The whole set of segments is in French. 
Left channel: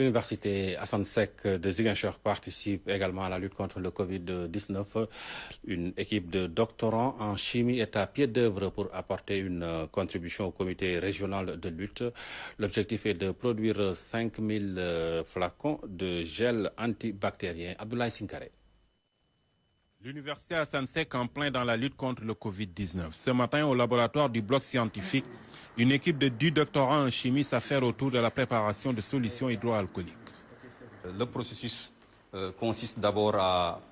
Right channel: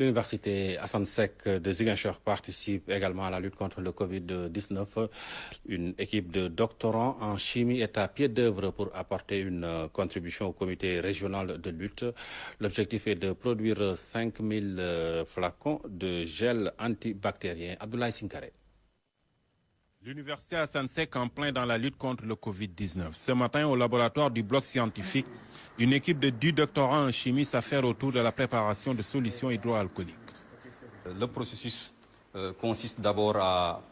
L'université Assane Seck de Ziguinchor participe également à la lutte contre le Covid-19. Une équipe de doctorants en chimie est à pied d'œuvre pour apporter une contribution au comité régional de lutte. L'objectif est de produire 5000 flacons de gel antibactérien. Abdoulaye Sinkare. L'université Assane Seck en plein dans la lutte contre le Covid-19. Ce matin, au laboratoire du bloc scientifique, une équipe de 10 doctorants en chimie s'affaire autour de la préparation de solutions hydroalcooliques. Le processus consiste d'abord à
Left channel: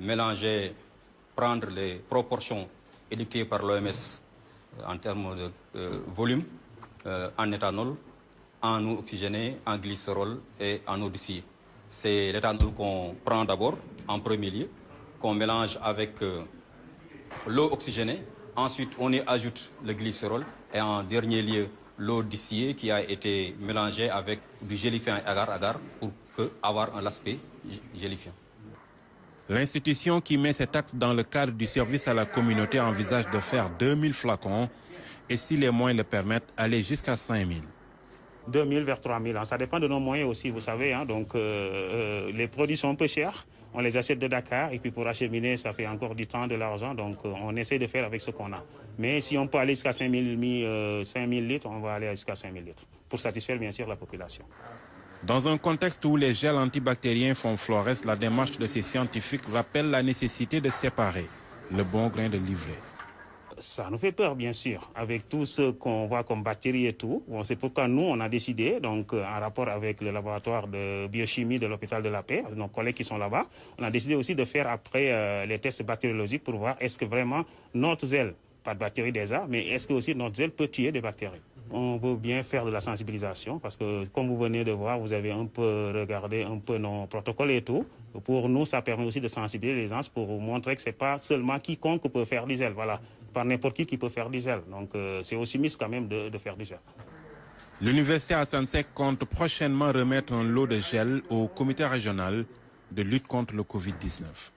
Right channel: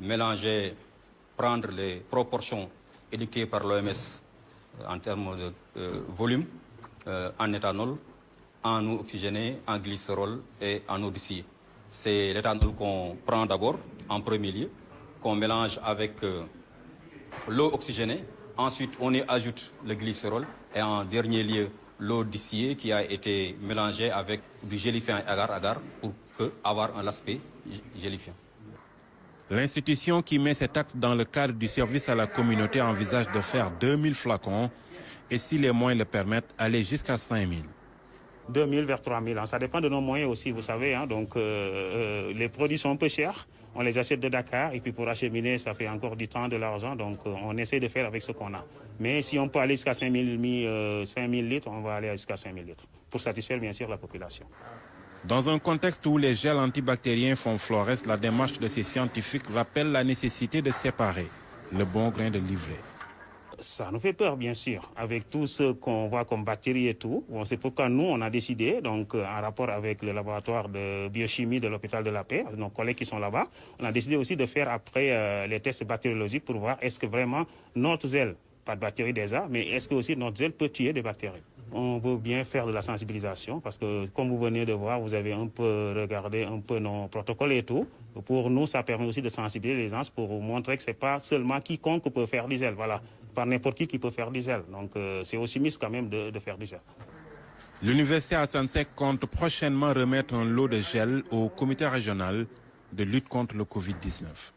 mélanger, prendre les proportions édictées par l'OMS en termes de volume en éthanol, en eau oxygénée, en glycérol et en eau distillée. C'est l'éthanol qu'on prend d'abord en premier lieu, qu'on mélange avec l'eau oxygénée. Ensuite, on y ajoute le glycérol et en dernier lieu, l'eau distillée qui a été mélangée avec du gélifiant agar-agar pour avoir un aspect gélifiant. L'institution qui met cet acte dans le cadre du service à la communauté envisage de faire 2000 flacons et si les moyens le permettent, aller jusqu'à 5000. 2000 vers 3000, ça dépend de nos moyens aussi, vous savez. Donc les produits sont un peu chers, on les achète de Dakar et puis pour acheminer, ça fait encore du temps, de l'argent. Donc on essaie de faire avec ce qu'on a. Mais si on peut aller jusqu'à 5000 litres, on va aller jusqu'à 5000 litres pour satisfaire bien sûr la population. Dans un contexte où les gels antibactériens font florès, la démarche de ces scientifiques rappelle la nécessité de séparer le bon grain de l'ivraie. Ça nous fait peur, bien sûr, avec tout ce qu'on voit comme bactéries et tout. Bon, c'est pourquoi nous, on a décidé, donc en rapport avec le laboratoire de biochimie de l'hôpital de la Paix, nos collègues qui sont là-bas, on a décidé aussi de faire après les tests bactériologiques pour voir est-ce que vraiment notre gel, pas de bactéries déjà, mais est-ce que aussi notre gel peut tuer des bactéries. On veut bien faire de la sensibilisation parce que, comme vous venez de voir, vous avez un peu regardé un peu nos protocoles et tout. Pour nous, ça permet aussi de sensibiliser les gens pour vous montrer que ce n'est pas seulement quiconque peut faire du gel. Voilà, pas n'importe qui peut faire du gel. Donc, c'est aussi mis quand même de faire du gel. L'université Assane Seck compte prochainement remettre un lot de gel au comité régional de lutte contre le Covid-19.